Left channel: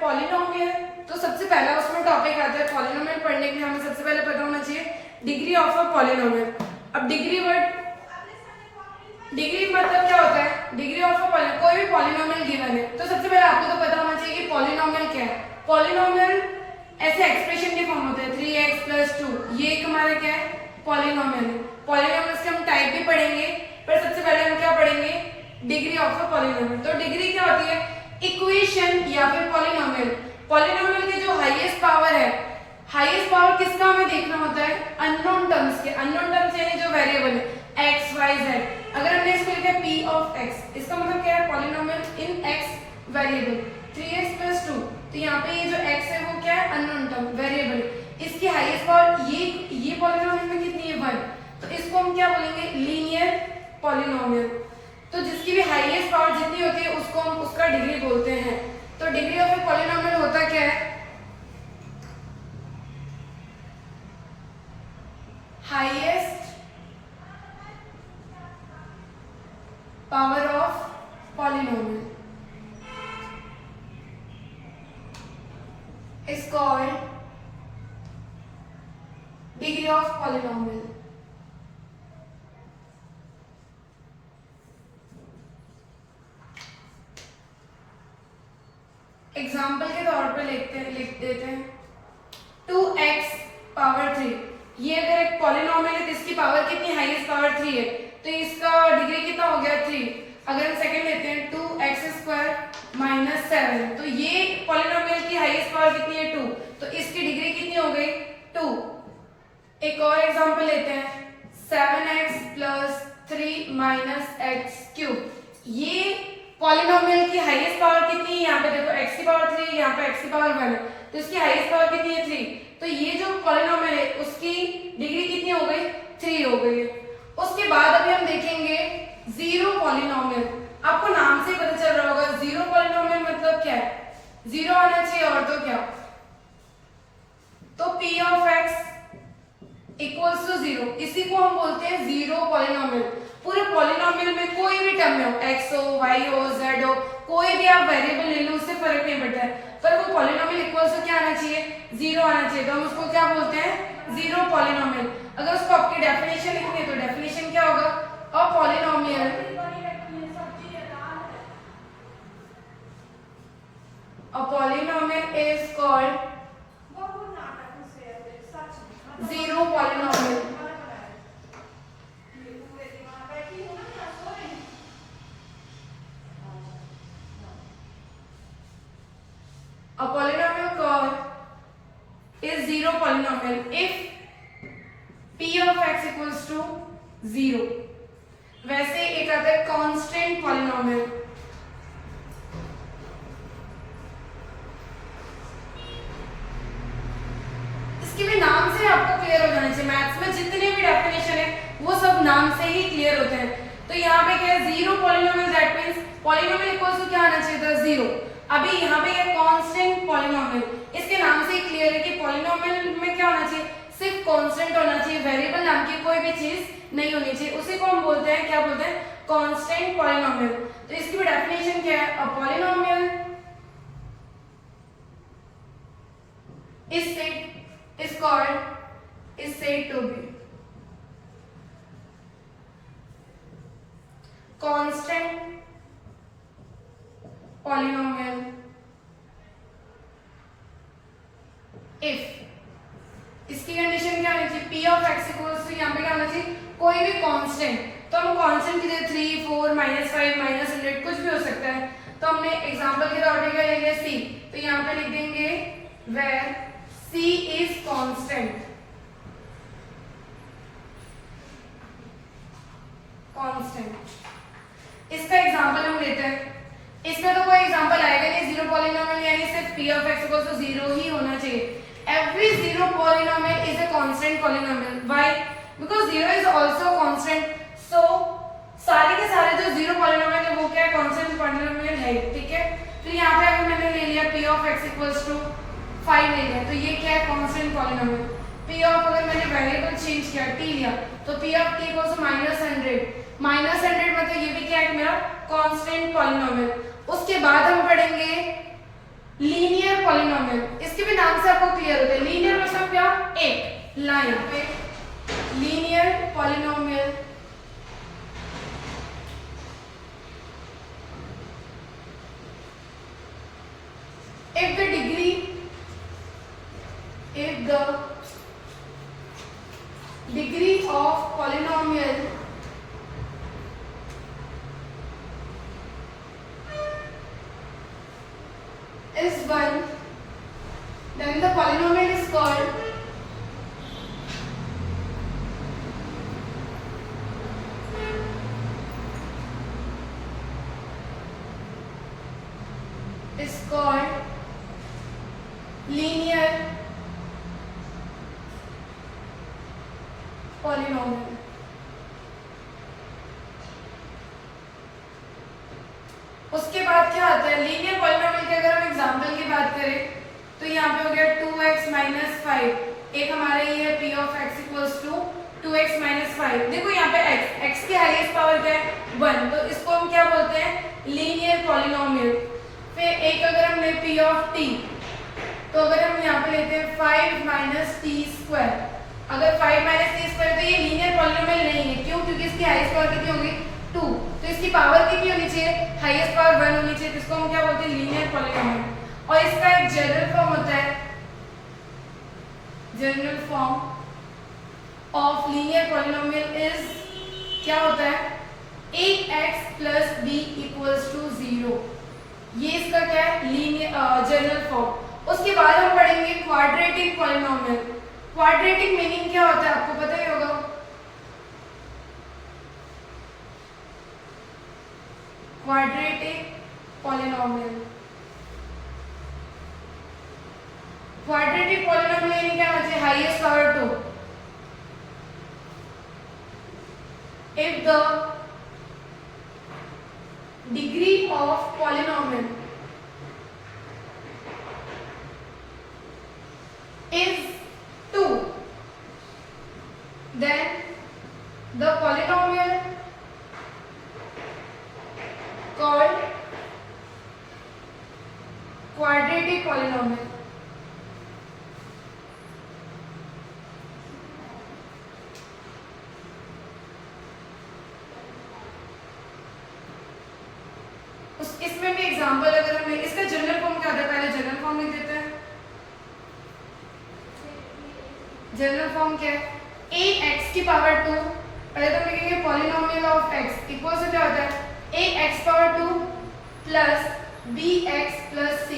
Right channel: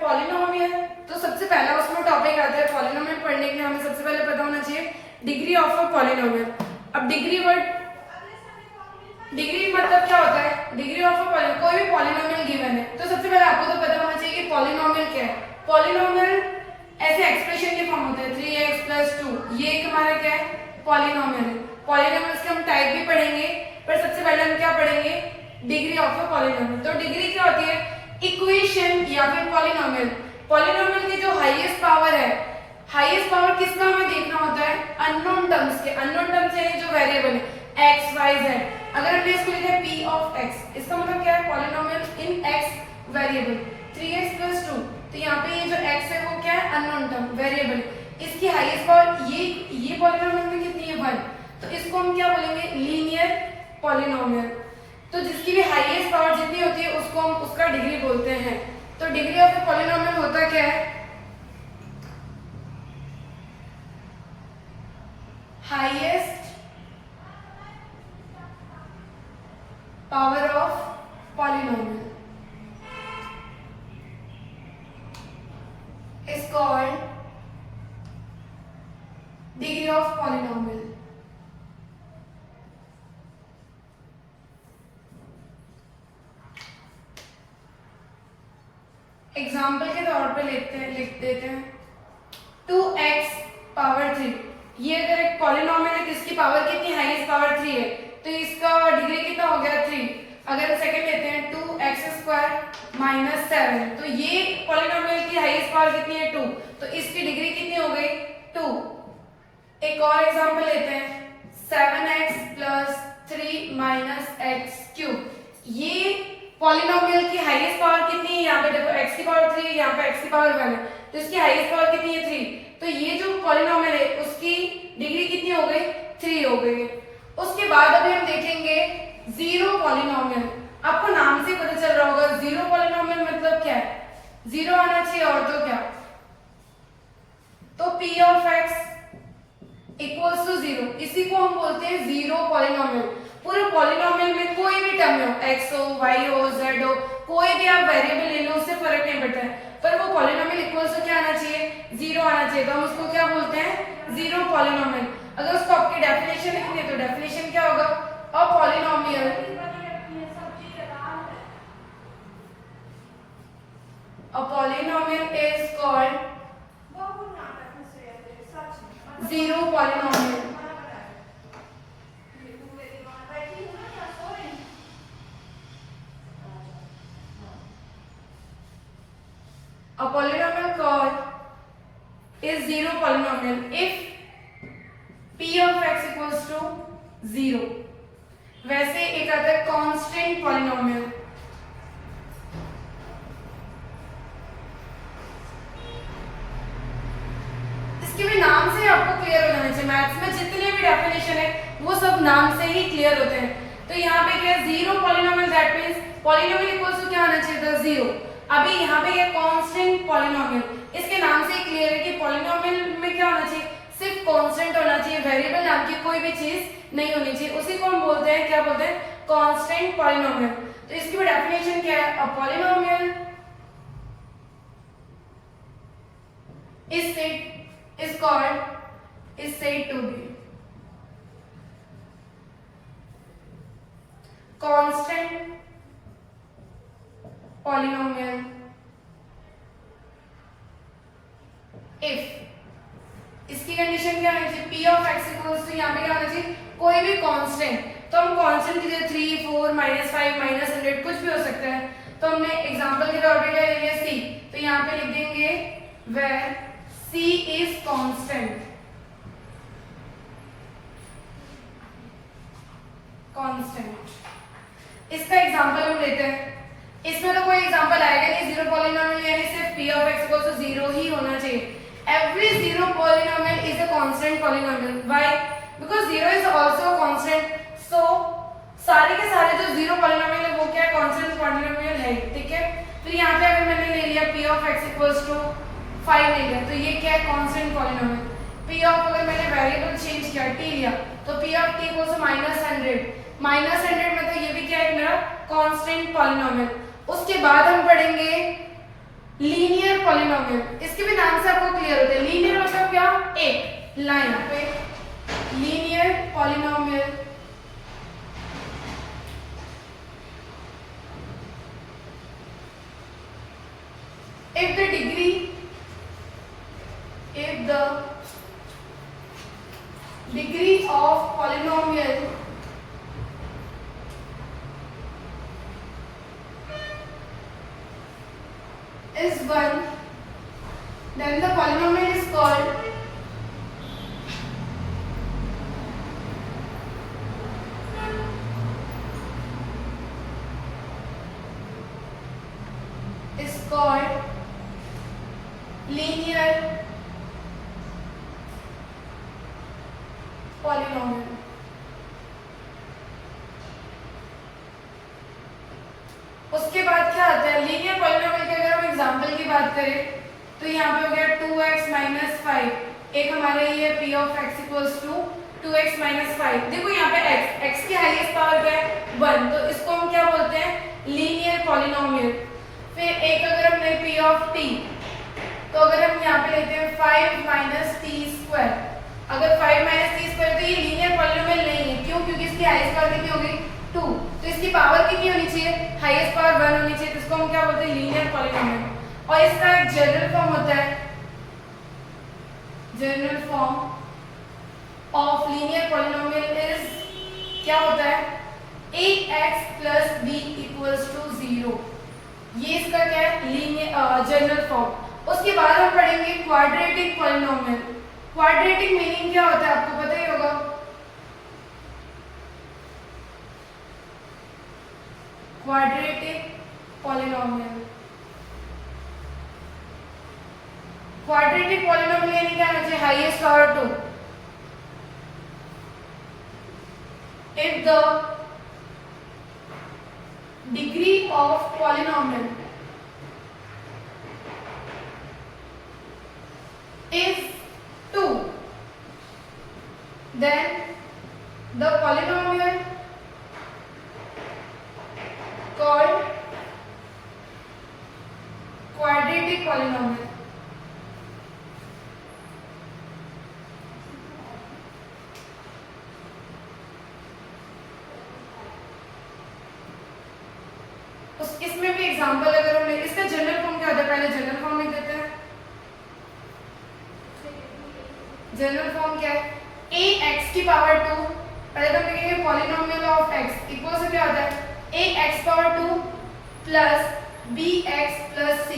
Polynomial. तो सबसे पहला उसमें टॉपिक आता है पॉलिनोमियल पढ़ने के लिए हमें सबसे पहले पता होना चाहिए डिग्री ऑफ अ पॉलिनोमियल। अब डिग्री मतलब क्या होता है? डिग्री ऑफ अ पॉलिनोमियल, कोई भी पॉलिनोमियल गिवन है तो सबसे पहले आपको तो पता होना चाहिए कि पॉलिनोमियल क्या है। पॉलिनोमियल ऐसे एक्सप्रेशन के फॉर्म होते हैं 3x + 2, ये एक हमारा क्या है? पॉलिनोमियल। पॉलिनोमियल्स के हम टाइप भी पढ़ेंगे, पर सबसे पहले हम क्या पढ़ेंगे? Degree of a polynomial. तो डिग्री क्या होती है? इक्वेशन या फिर पॉलिनोमियल। पॉलिनोमियल की जो हाईएस्ट पावर है, हाईएस्ट पावर किसका हमें देखना होता है? अननोन टर्म्स के। अननोन टर्म्स यानी जो वेरिएबल है x y z। अगर हमने इसको लिखा है p of x, इसका मतलब क्या है? पॉलिनोमियल इन x वेरिएबल 3x + 2। तो यहाँ पे ये जो x है वो क्या है? Unknown term variable. इसकी हाईएस्ट पावर ये पॉलिनोमियल में कितनी है? 1। तो इसको हम क्या बोलेंगे? Linear polynomial. तो जिसकी भी हाईएस्ट पावर जितनी होती है उसको हम उसका डिग्री बोलते हैं। तो डिग्री ऑफ ए पॉलिनोमियल होता क्या है? Highest power of polynomial is called degree of polynomial। Example के तौर पे लिख देते हैं 2x⁻3। ये अगर एक पॉलिनोमियल है तो इसकी पावर कितनी? हाईएस्ट पावर 3 है, तो इसका डिग्री कितना हो गया? 3। अगर हम सेकंड लेते हैं 2x² - 7, तो ये पॉलिनोमियल की हाईएस्ट पावर कितनी है? 2, तो इसकी डिग्री कितनी हो गई? 2। एक और एग्जांपल लेते हैं 7x + 3 - x³। ये पॉलिनोमियल की हाईएस्ट पावर कितनी है? यहाँ पे देखो x की पावर 3, यहाँ पे x की पावर 1 है, तो इसकी हाईएस्ट पावर कितनी है? 3। तो ये जो पॉलिनोमियल है उसकी डिग्री कितनी हो गई? 3 हो गई है। उसके बाद अभी हम देखेंगे जीरो पॉलिनोमियल। आपको नाम से पता चल रहा होगा जीरो पॉलिनोमियल मतलब क्या है? जीरो आना चाहिए, और तो क्या? तो p of x = 0, इसी को हम बोलते हैं जीरो पॉलिनोमियल। पूरे पॉलिनोमियल में कोई भी टर्म हो, x हो, y हो, z हो, कोई भी आप वेरिएबल ले लो, उससे फर्क नहीं पड़ता है, पर वो पॉलिनोमियल इक्वल्स टू क्या आना चाहिए? 0 आना चाहिए। तो हम उसको क्या बोलते हैं? Zero polynomial. अगर उसको आपकी डेफिनेशन लिखनी है तो डेफिनेशन क्या होगा? A polynomial is called zero polynomial। A polynomial called is zero polynomial if p of x = 0। वैसे एक आता है कांस्टेंट पॉलिनोमियल। इसके भी नाम से आपको क्लियर हो जाना चाहिए। मैथ्स में जितने भी डेफिनेशन है वो सब नाम से ही क्लियर होते हैं। तो यहाँ पे क्या है? Zero polynomial, that means polynomial equals to क्या आना चाहिए था? 0। अभी यहाँ पे है कांस्टेंट पॉलिनोमियल। इसके नाम से ही क्लियर है कि पॉलिनोमियल में क्या होना चाहिए? सिर्फ कांस्टेंट होना चाहिए, वेरिएबल नाम की कोई भी चीज नहीं होनी चाहिए। उसी को हम बोलते हैं, क्या बोलते हैं? Constant polynomial. तो इसकी भी डेफिनेशन क्या है? A polynomial is said to be constant polynomial if, इसकी कंडीशन क्या होनी चाहिए? p of x = यहाँ पे क्या होना चाहिए? कोई भी कांस्टेंट। तो हम कांस्टेंट की जगह 3, 4, -5, -100 कुछ भी हो सकता है। तो हमने एग्जांपल के तौर पे क्या ले लिया? c। तो यहाँ पे लिख देंगे where c is constant। इसका एग्जांपल हम लेते हैं। इसमें तो कोई एग्जांपल आएगा नहीं, जीरो पॉलिनोमियल यानी सिर्फ p of x = 0 ही होना चाहिए। Every zero polynomial is a constant polynomial। Why? Because 0 is also a constant। So सारे के सारे जो जीरो पॉलिनोमियल है वो क्या है? कांस्टेंट पॉलिनोमियल है, ठीक है। तो यहाँ पे अगर मैंने ले लिया p of x = 5 ले लिया, तो ये क्या है? Constant polynomial. p of, अगर मैंने वेरिएबल चेंज किया t लिया, तो p of t = -100। -100 मतलब ये भी क्या है? मेरा कांस्टेंट पॉलिनोमियल। उसके बाद हम पढ़ेंगे लीनियर पॉलिनोमियल, इसके भी नाम से आपको क्लियर होता है। लीनियर मतलब क्या, एक लाइन पे linear polynomial if the degree of polynomial is 1, then the polynomial is called linear polynomial। उसके बाद क्या आता है, लीनियर पॉलिनोमियल की अगर हम एग्जांपल की बात करें तो यहाँ पे हो गया 2x माइनस 5, एक हमारा ये p of x equals to 2x minus 5। देखो यहाँ पे x की हाईएस्ट पावर क्या है, 1, तो इसको हम क्या बोलते हैं, लीनियर पॉलिनोमियल। फिर एक अगर हम ले p ऑफ t, तो अगर हम यहाँ पे लेते हैं 5 माइनस टी स्क्वायर, अगर 5 माइनस टी स्क्वायर तो ये लीनियर पॉलिनोमियल नहीं है, क्यों, क्योंकि इसकी हाईएस्ट पावर कितनी होगी 2, तो इसकी पावर कितनी होनी चाहिए, हाईएस्ट पावर 1 होनी चाहिए, इसको हम क्या बोलते हैं, लीनियर पॉलिनोमियल। और इसका एक जनरल फॉर्म होता है, general form of linear polynomial is क्या होता है, ax plus b equals to 0, ये इसका क्या है, लीनियर जनरल फॉर्म। उसके बाद हम पढ़ेंगे क्वाड्रेटिक पॉलिनोमियल। क्वाड्रेटिक मीनिंग क्या होता है आपको पता ही होगा, क्वाड्रेटिक पॉलिनोमियल। क्वाड्रेटिक पॉलिनोमियल यानी क्या होना चाहिए, highest power 2। If the degree of polynomial is 2, then the polynomial called quadratic polynomial। इसमें भी एग्जांपल अगर हम इसका जनरल फॉर्म क्या होता है, पहले जनरल फॉर्म लिख देते हैं। जनरल फॉर्म क्या है, ax की पावर 2, पहले तो लिखेंगे पॉलिनोमियल ऑफ x इक्वल से क्या होता है ax power 2 plus bx plus c,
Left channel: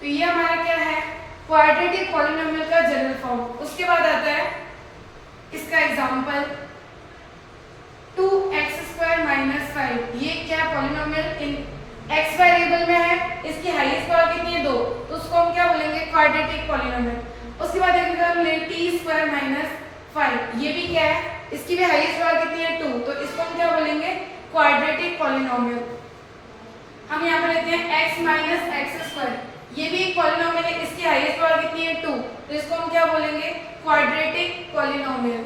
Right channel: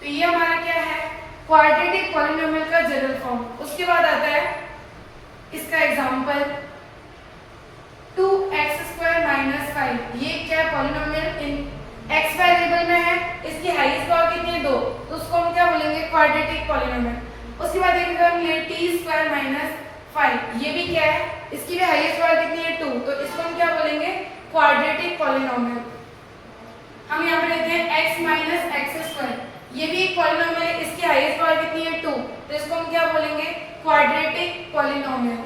तो ये हमारा क्या है, क्वाड्रेटिक पॉलिनोमियल का जनरल फॉर्म। उसके बाद आता है इसका एग्जांपल 2x स्क्वायर माइनस 5, ये क्या है, पॉलिनोमियल इन x वेरिएबल में है, इसकी हाईएस्ट पावर कितनी है 2, तो उसको हम क्या बोलेंगे, क्वाड्रेटिक पॉलिनोमियल। उसके बाद एक अगर हम ले टी स्क्वायर माइनस 5, ये भी क्या है, इसकी भी हाईएस्ट पावर कितनी है 2, तो इसको हम क्या बोलेंगे, क्वाड्रेटिक पॉलिनोमियल। हम यहाँ पे लेते हैं x माइनस एक्स स्क्वायर, ये भी एक पॉलिनोमियल है, इसकी हाईएस्ट पावर कितनी है 2, तो इसको हम क्या बोलेंगे, क्वाड्रेटिक पॉलिनोमियल।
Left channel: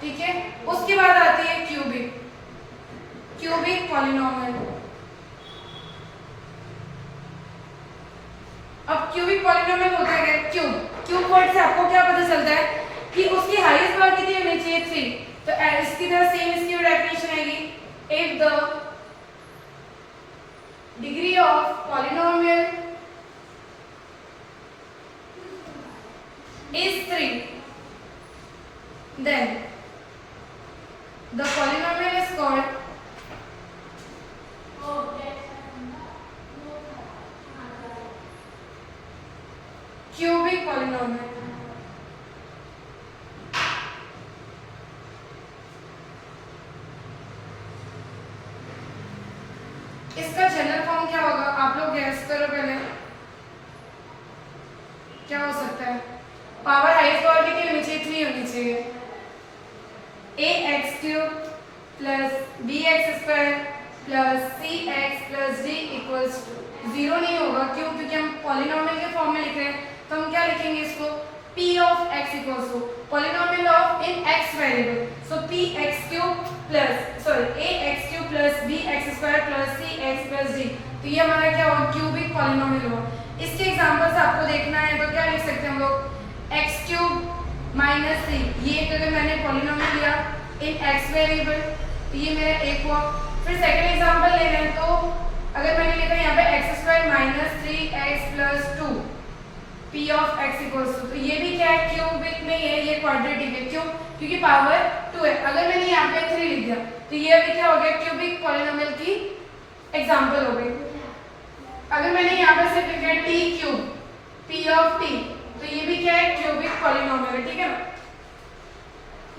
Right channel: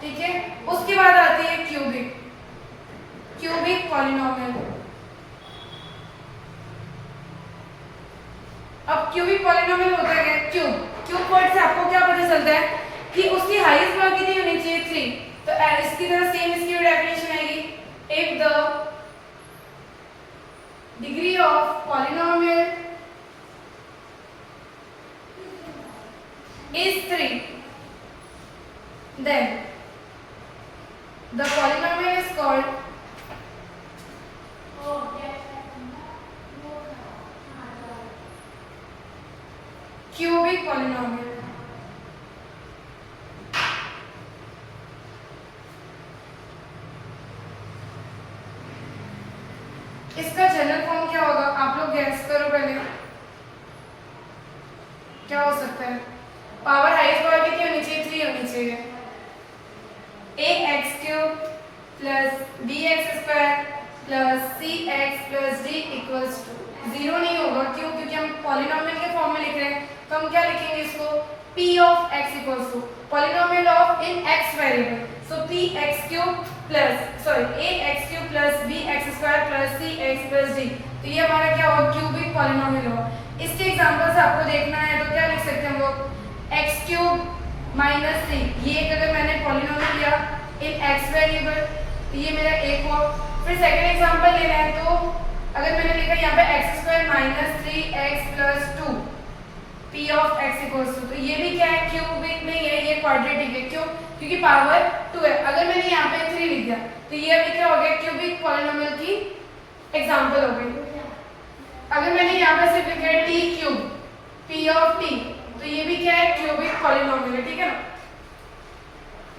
ठीक है, उसके बाद आती है क्यूबिक पॉलिनोमियल। अब क्यूबिक पॉलिनोमियल होता है क्या, क्यूब वर्ड से आपको क्या पता चलता है कि उसकी हाईएस्ट पावर कितनी होनी चाहिए 3, तो इसकी तरह सेम इसकी डेफिनेशन आएगी, if the degree of polynomial is 3, then the polynomial is called cubic polynomial। इसका जनरल फॉर्म क्या होगा, आप लोग गैस करो पहले, क्या हो सकता है, पावर हाईएस्ट पावर कितनी होनी चाहिए, 3 होनी चाहिए, ax cube plus bx square plus cx plus d equals to 0 नहीं होगा, क्यों, क्योंकि हम पॉलिनोमियल के फॉर्म में लिख रहे हैं, तो हम क्या लिखेंगे इसको, p of x equals to polynomial of in x variable, so px cube plus ax cube plus bx square plus cx plus d, तो ये हमारा क्या होगा, क्यूबिक पॉलिनोमियल होगा। इसके एग्जांपल्स आपको देखना है तो क्या लिख सकते हैं हम लोग, एक्स क्यूब माइनस 3, ये एक अगर मैंने पॉलिनोमियल लिया इन एक्स वेरिएबल तो ये मेरा एक हुआ। फिर सेकंड एग्जांपल ले रहे हैं तो अगर मैंने लिखा यहाँ पे x square minus 3x plus 2 p of x equals to, तो ये भी क्या है, क्यूबिक नहीं है, ये क्वाड्रेटिक है। क्यों? क्योंकि पावर 2 है। अगर मैंने यहाँ पे 3 लिख दिया तो ये अभी क्या हो गया, क्यूबिक पॉलिनोमियल की एग्जांपल हो गई। अगर मैंने यहाँ पे सिर्फ लिखा है T cube P of T, तो ये भी क्या है, क्यूबिक पॉलिनोमियल है, ठीक है ना।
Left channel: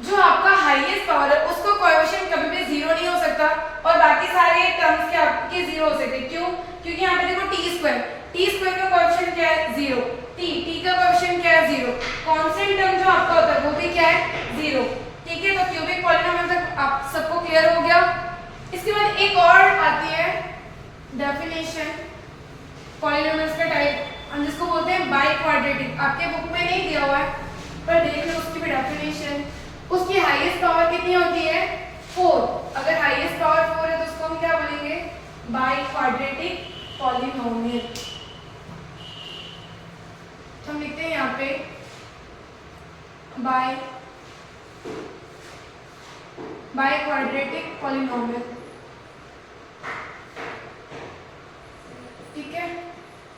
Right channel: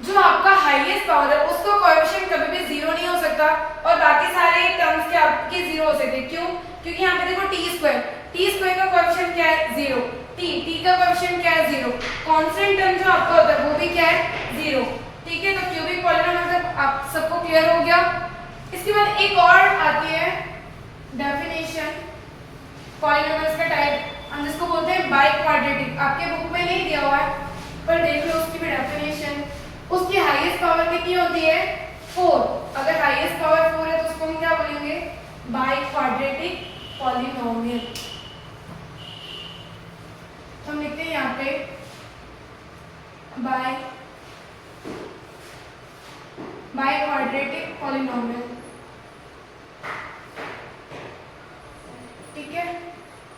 जो आपका हाईएस्ट पावर है उसको कोएफिशिएंट कभी भी जीरो नहीं हो सकता और बाकी सारे टर्म्स के आपके जीरो हो सकते हैं। क्यों? क्योंकि यहाँ पे देखो टी स्क्वायर का कोएफिशिएंट क्या है, जीरो। टी का कोएफिशिएंट क्या है, जीरो। कांस्टेंट टर्म जो आपका होता है वो भी क्या है, जीरो, ठीक है। तो क्यूबिक पॉलिनोमियल तक आप सबको क्लियर हो गया। इसके बाद एक और आती है डेफिनेशन पॉलिनोमियल्स का टाइप, हम जिसको बोलते हैं बाई क्वाड्रेटिक। आपके बुक में नहीं दिया हुआ है पर देख लो उसकी भी डेफिनेशन। उसकी हाईएस्ट पावर कितनी होती है, 4। अगर हाईएस्ट पावर 4 है तो उसको हम क्या बोलेंगे, बाई क्वाड्रेटिक पॉलिनोमियल। तो हम लिखते हैं यहाँ पे बाई क्वाड्रेटिक पॉलिनोमियल, ठीक है।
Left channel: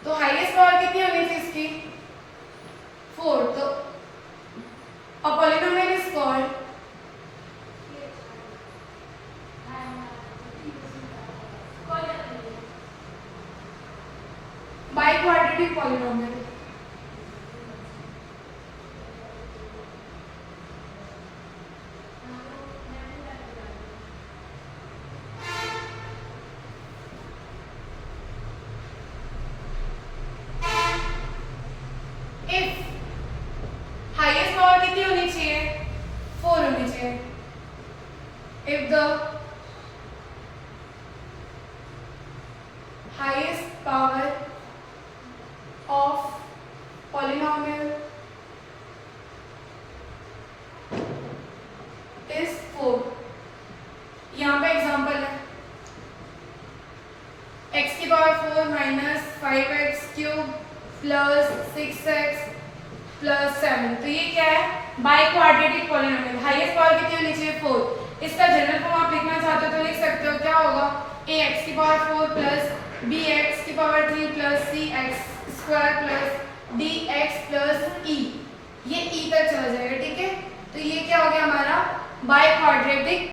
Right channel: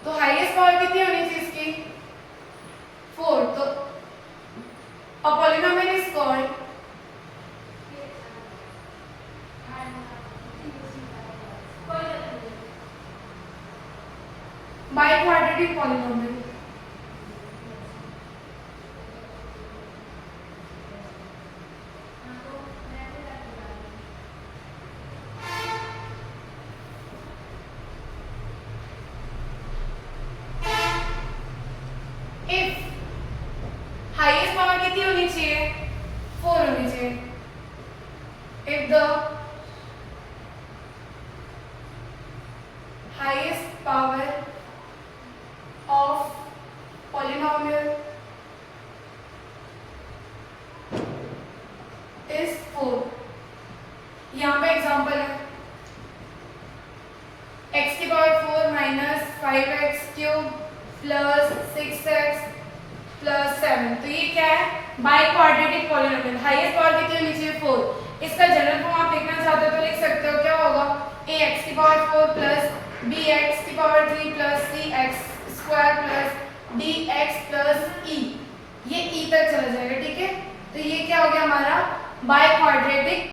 तो हाईएस्ट पावर कितनी होनी चाहिए इसकी, 4। तो a polynomial is called biquadratic polynomial। if highest power कितनी होनी चाहिए, 4 होनी चाहिए। if the highest power of polynomial is 4, यहाँ पे एग्जांपल है x की power 4 minus 5x cube plus 6x plus 7। तो ये क्या है, by quadratic polynomial. Highest power कितनी होनी चाहिए, 4। इसका जनरल फॉर्म आप लिखना चाहते हो तो लिख सकते हो, क्या होगा, ax की पावर 4 प्लस bx की power 3 plus cx square plus dx plus e, ये e तक चला जाएगा, ठीक है। तो ये क्या हो गया हमारा बाई क्वाड्रेटिक